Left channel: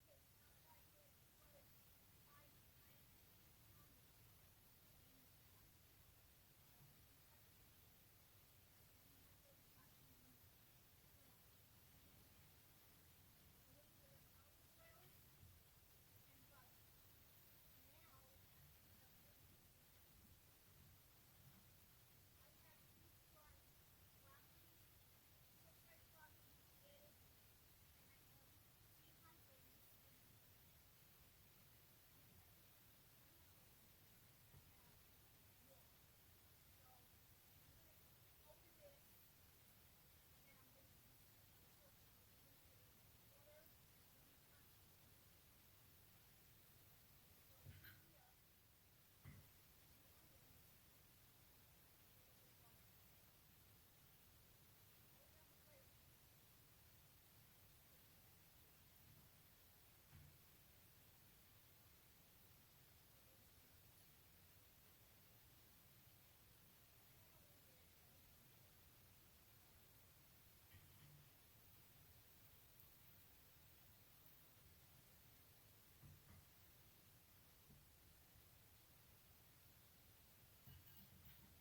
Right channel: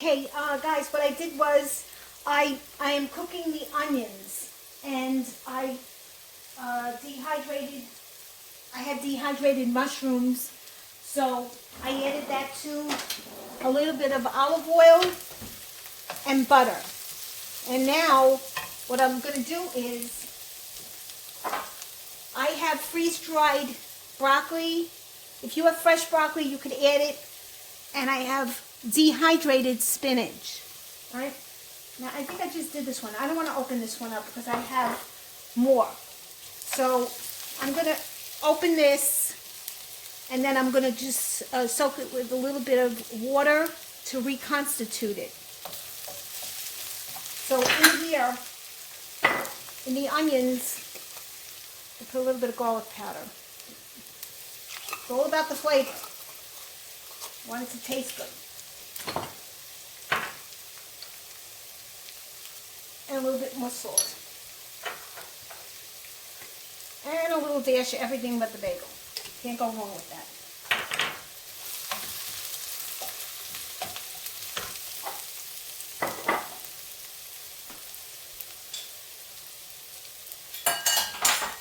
Okay, guys, what I did was I am cooking the onions, and I dehydrated. I had dehydrated mushrooms, so I added that to a little bit of olive oil and butter. And now what I'm going to do is I have freeze-dried broccoli. If you have fresh broccoli, you could add it. And I have dehydrated spinach. All right. Now, I think I just did this one. I don't want to open this one up because I have more. So I'm going to open this, and then I'm going to just soak it with a little bit of water to reconstitute it. So in here, in the onions, I put a little bit of garlic powder. It's all about the flavor. I want it to taste good. And a little bit more salt. And a little dash of everything but the bagel. Can't go wrong with that.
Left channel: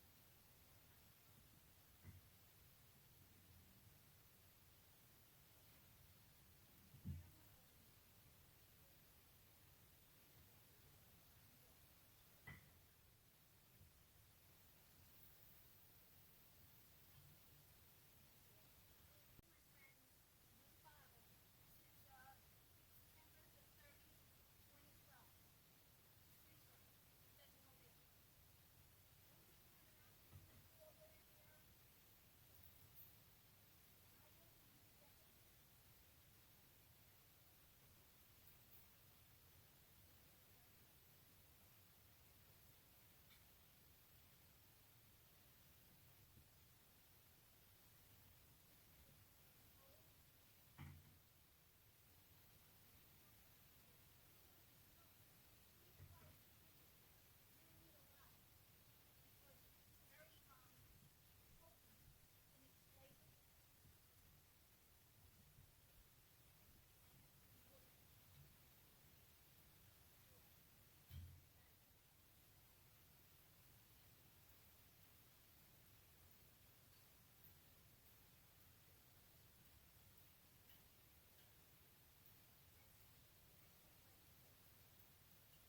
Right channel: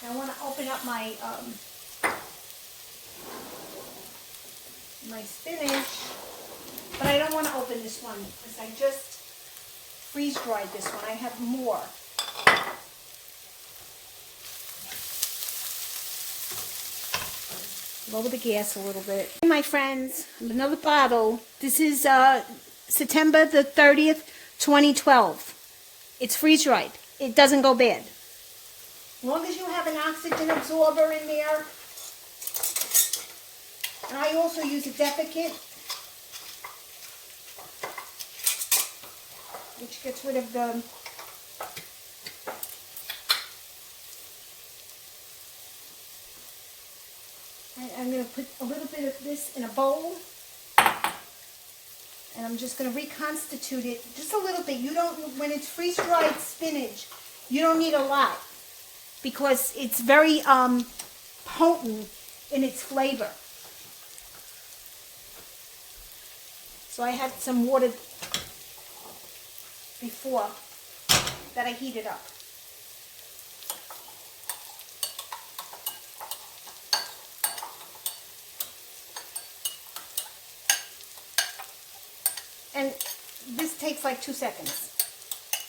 Now I want to open up my my spinach, but I don't want to open this one because I just freeze-dried this one. I have more. Lower the gas a little bit. Hey, my friends, another bottle. This is September the 30th, 2012. It's freeze-dried. It doesn't go bad. As long as you have an oxygen absorber in there. And I also use a desiccant, which gets rid of the I'm going to put a little bit of this in a bowl, and I'm just going to reconstitute it just a little bit. You don't, when it's freeze-dried spinach, you don't need a lot because it's very potent in its flavor. So I had some water before that I heated up. And this takes like 2 seconds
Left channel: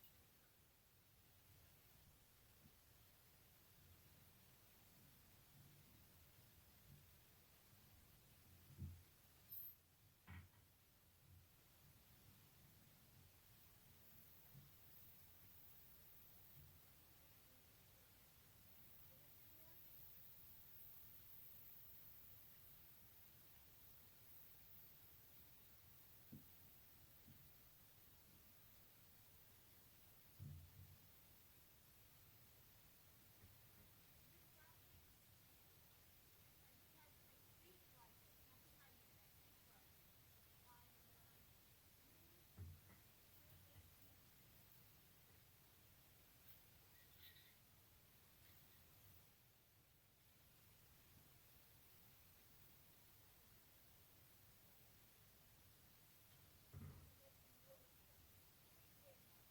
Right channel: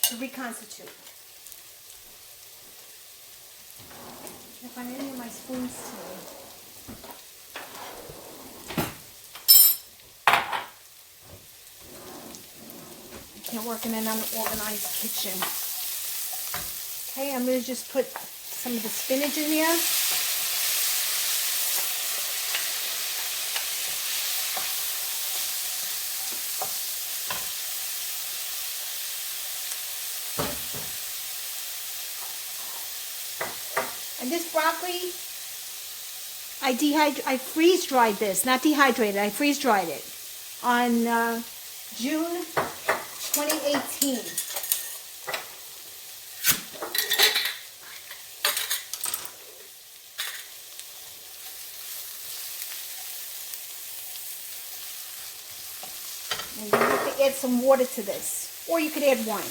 to reconstitute. If I need any of my spoons today. I can't work in an unorganized kitchen. Okay, I'm going to just put some of the spinach in there. And this broccoli, I freeze-dried this, not dehydrated. I freeze-dried it on June 2018. And you have to add some water to this, or you could add wine.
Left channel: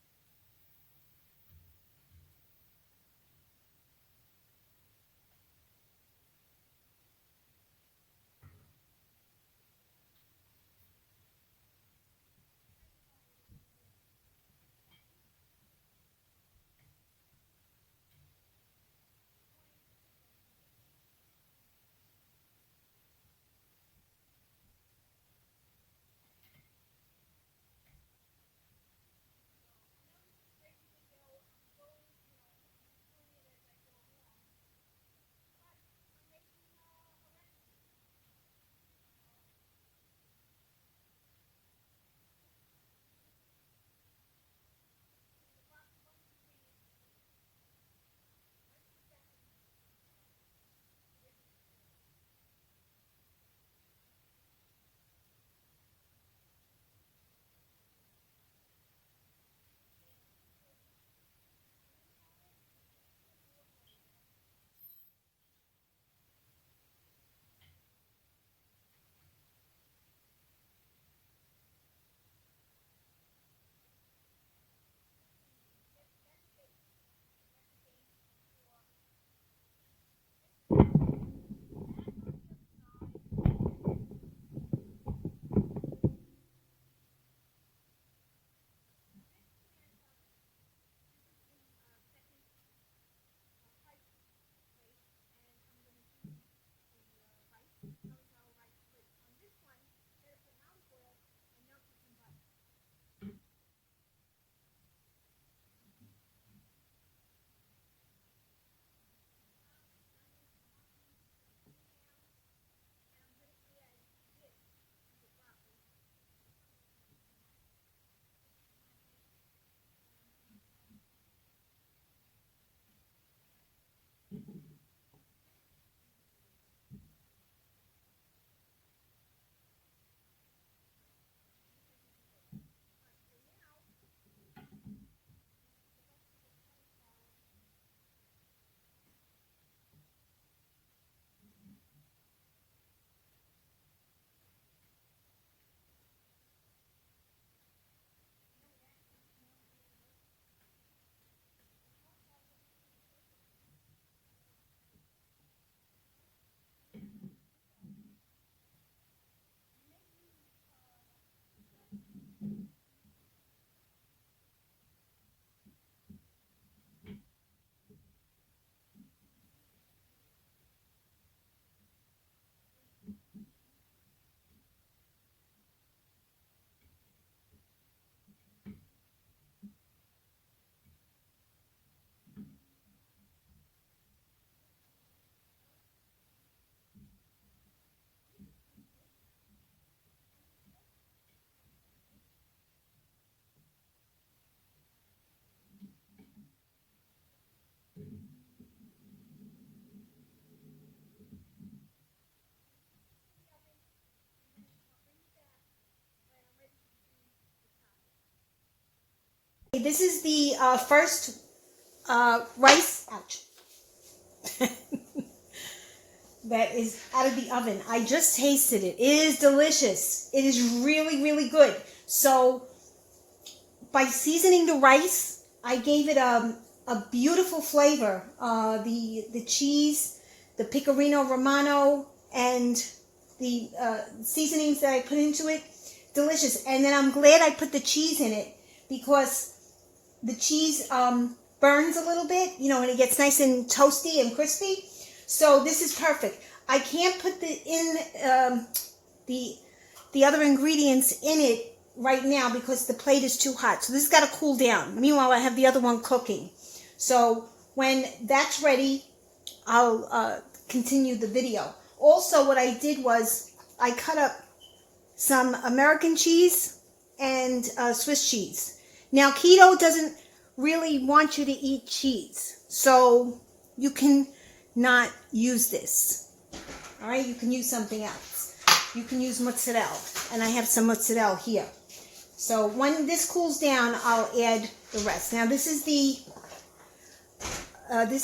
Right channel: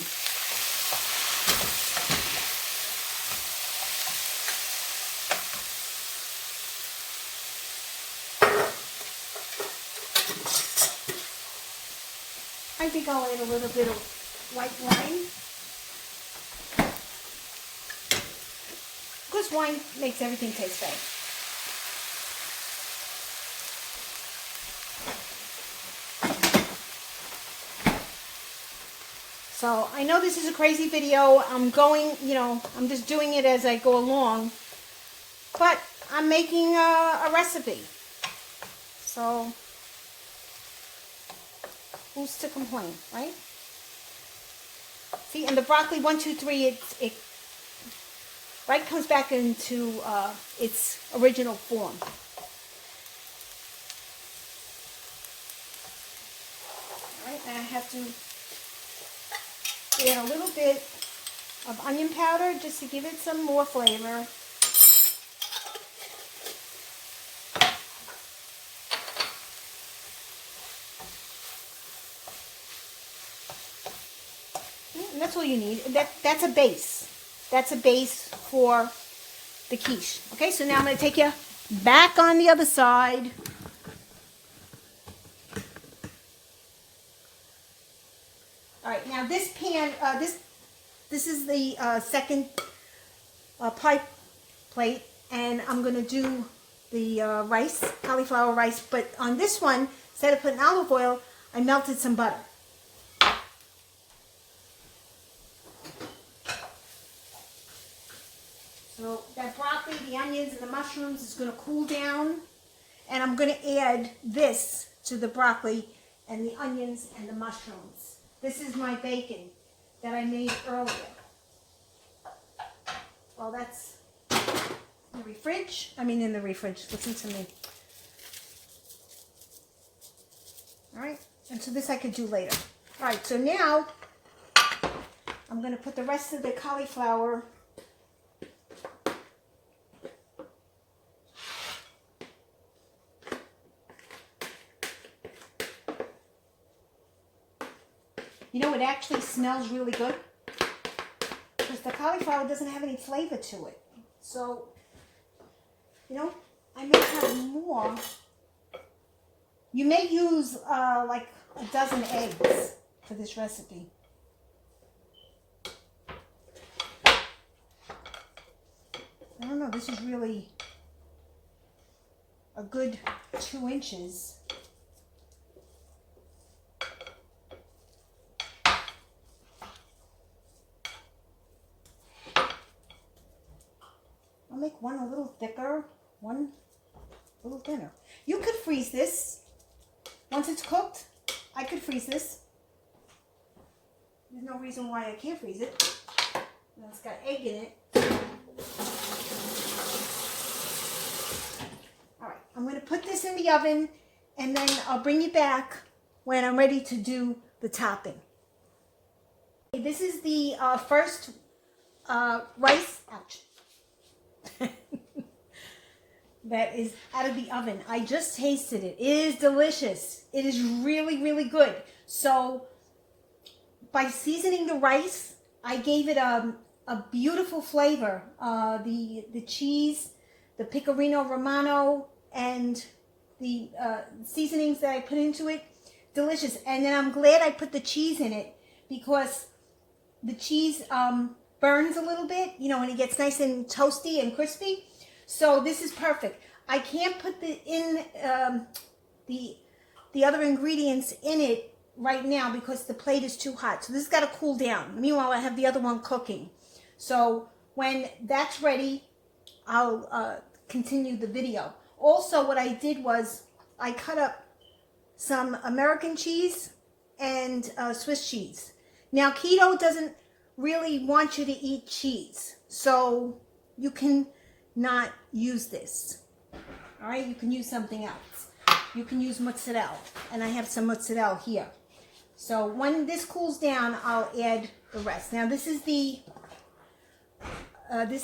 I think I'll add a little bit of white wine. Because wine makes everything taste better. So I know this is a crazy video. I'm going, I'm just doing it as I go along. But I'm making a recipe. So who's to complain, right? See, and the broccoli 1, 2, 3, it right comes back into its original form. All right, and I have to add a little bit of onion powder just to give it some more flavor. And that's all you need. That's a base. That's a base for the quiche. Okay, so now I'm going to take you back on the other side. All right, now this pan, this is the second pie plate, and I'm going to do the rice, cauliflower rice, but on this one, instead of putting olive oil, I melted some butter. So that broccoli, the onions, and the mushrooms is going to cool down, and I'm going to add this to the broccoli and the onions and the mushrooms. This is my bacon that I made earlier. Well, that's in the fridge. In the fridge. Listen to me. All right, and so this I could do later. All right, so now I'm going to put the rest of the cauliflower it actually smells really good because the cauliflower doesn't have any flavor to it. So, I may have more. You may use like a dozen eggs for this recipe. I don't know, this is really a good 2 inches. I'll make one a little thicker, one a little thinner. You could freeze this. Once it's cooked, I could freeze this. There's no reason why I can't freeze it. It's got egg in it. All right, I'm going to put this in the oven, and then I'll bring you back when I'm ready to do the topping. Okay, this is the first rice. Ouch. That is out of the oven. I just tasted it. It is delicious. It is really, really good. So by seasoning the rice, I gave it a beautiful flavor. The cheese, the pecorino romano, and the seasonings that I put into it, delicious. And then I'm glad I put the cheese in it because the cheese burns a little bit, and it gets nice and toasty and crispy. So this is perfect. I can't put the other ingredients in it right now because the plate is too hot. So this has got to cool down. Meanwhile, I have the other one cooking. So when that's ready, I'll continue the video. Also, what I did was I cut up some American cheese and Swiss cheese. Now, keto doesn't really want you to eat cheese, so you can not use this. All right, you can use something else. You can use mozzarella, and I have some mozzarella here. So when this cools down, I'll add the rest. Now this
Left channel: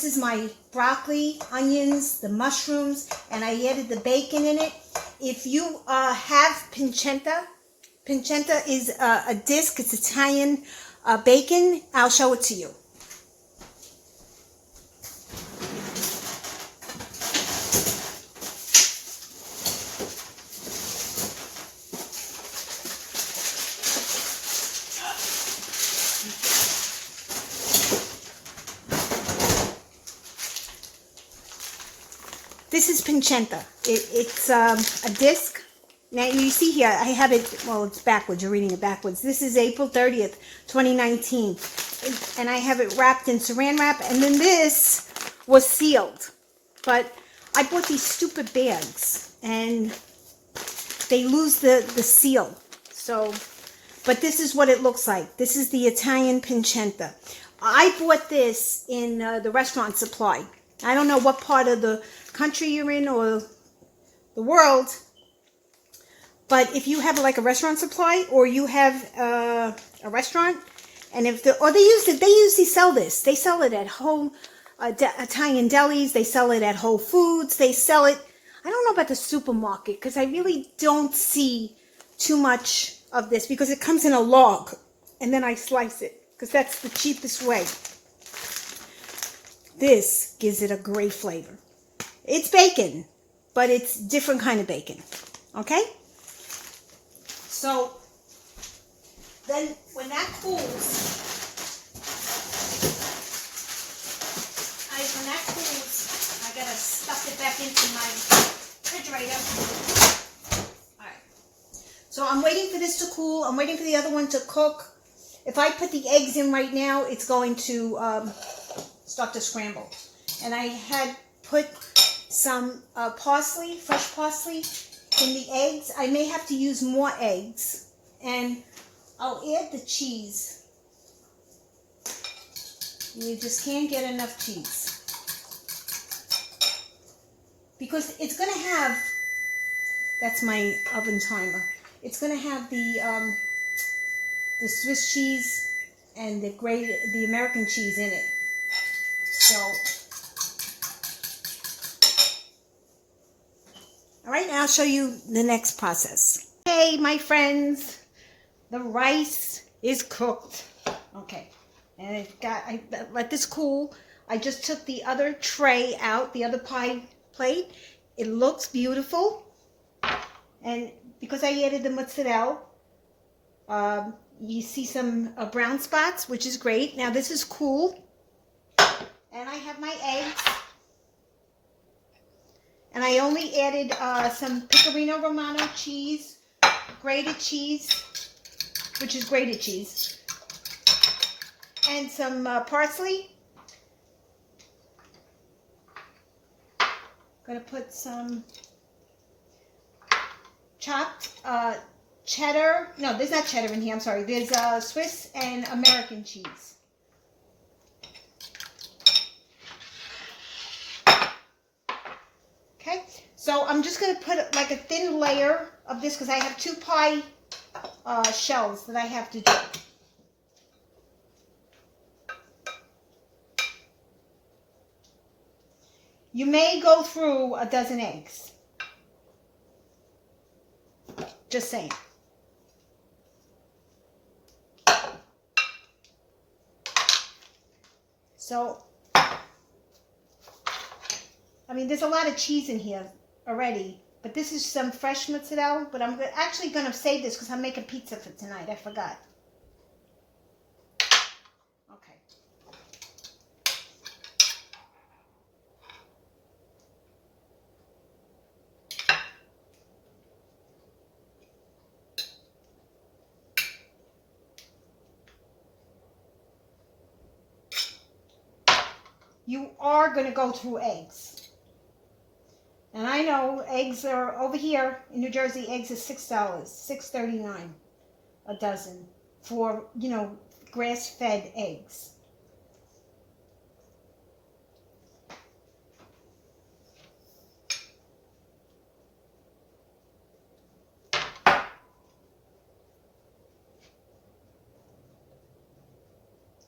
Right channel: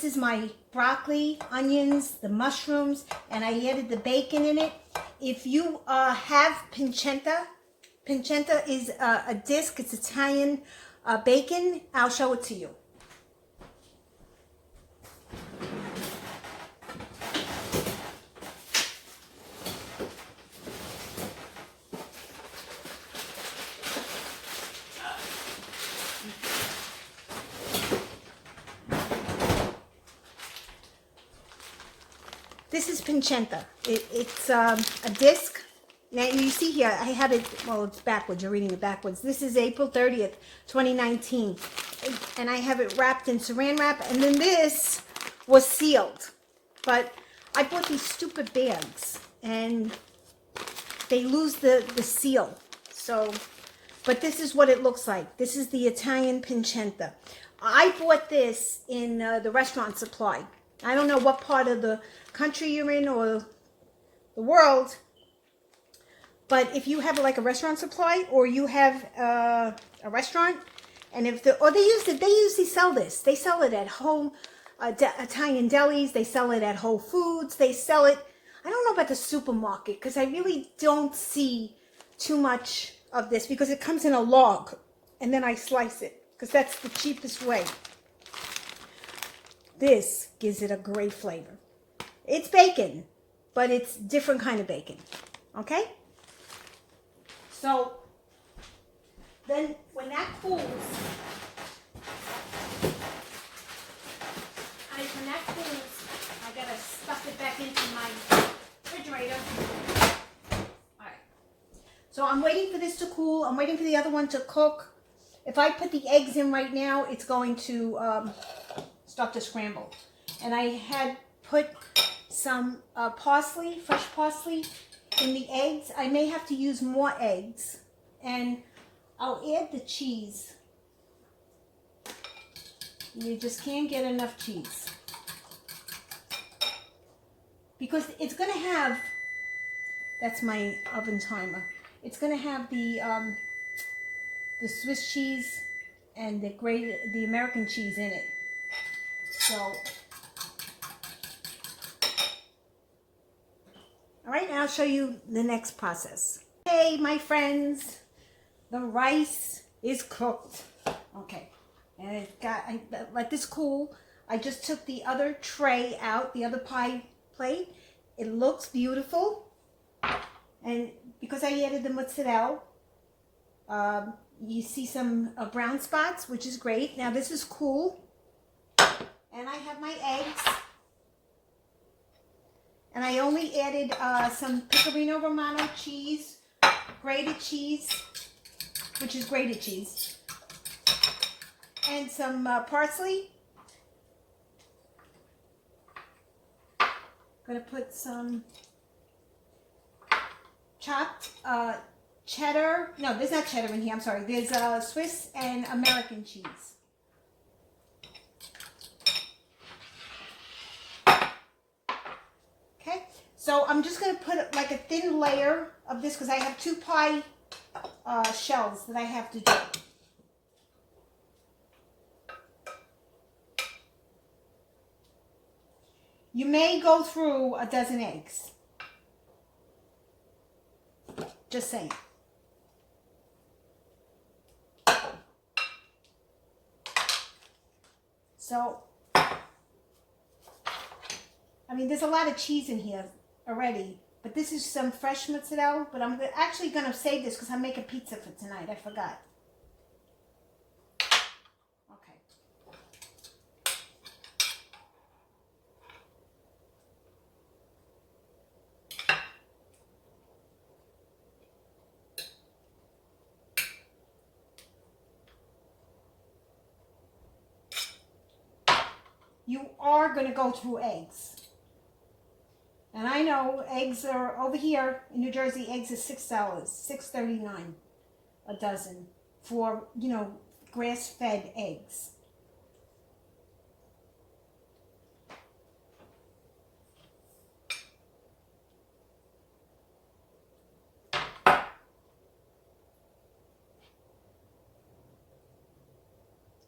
is my broccoli, onions, the mushrooms, and I added the bacon in it. If you have pancetta is a disc. It's Italian bacon. I'll show it to you. This is pancetta. It's a disc. Now you see here, I have it, well, it's backwards. You're reading it backwards. This is April 30th, 2019. And I have it wrapped in saran wrap. And then this was sealed. But I bought these stupid bags. And they lose the seal. So, but this is what it looks like. This is the Italian pancetta. I bought this in the restaurant supply. I don't know what part of the country you're in or the world, but if you have like a restaurant supply or you have a restaurant, and if they usually sell this. They sell it at Italian delis. They sell it at Whole Foods. They sell it. I don't know about the supermarket because I really don't see too much of this because it comes in a log and then I slice it. because that's the cheapest way. This gives it a great flavor. It's bacon, but it's different kind of bacon. Okay? So then when that cools, I gotta stuff it back into my refrigerator. All right. So I'm waiting for this to cool. I'm waiting for the other one to cook. If I put the eggs in right now, it's going to start to scramble. And I had put some parsley, fresh parsley, in the eggs. I may have to use more eggs. And I'll add the cheese. You just can't get enough cheese. Because it's going to have, that's my oven timer, it's going to have the Swiss cheese and the American cheese in it. So, all right, now I'll show you the next process. Okay, my friends, the rice is cooked. Okay, and I let this cool. I just took the other tray out, the other pie plate. It looks beautiful, and because I added the mozzarella, you see some brown spots, which is great. Now this is cool, and I have my eggs, and I only added some Pecorino Romano cheese, grated cheese, which is grated cheese, and some parsley. Gonna put some chopped cheddar. No, there's not cheddar in here. I'm sorry. There's Swiss and American cheese. Okay, so I'm just gonna put like a thin layer of this because I have 2 pie shells that I have to do. You may go through a dozen eggs. Just saying. So, I mean, there's a lot of cheese in here already, but this is some fresh mozzarella, but I'm actually going to save this because I'm making pizza for tonight. I forgot. You are going to go through eggs. And I know eggs are, over here in New Jersey, eggs are $6, $6.39 a dozen for, you know, grass-fed eggs.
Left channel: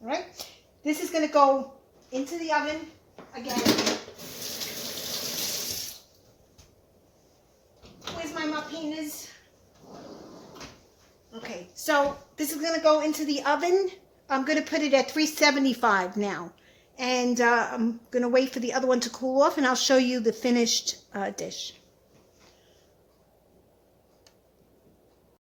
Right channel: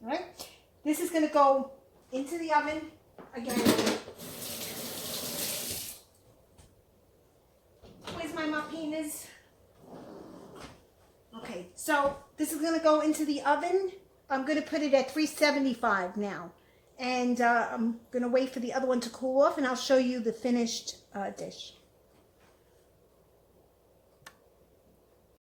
All right, this is going to go into the oven again. Where's my martinis? Okay, so this is going to go into the oven. I'm going to put it at 375 now. And I'm going to wait for the other one to cool off, and I'll show you the finished dish.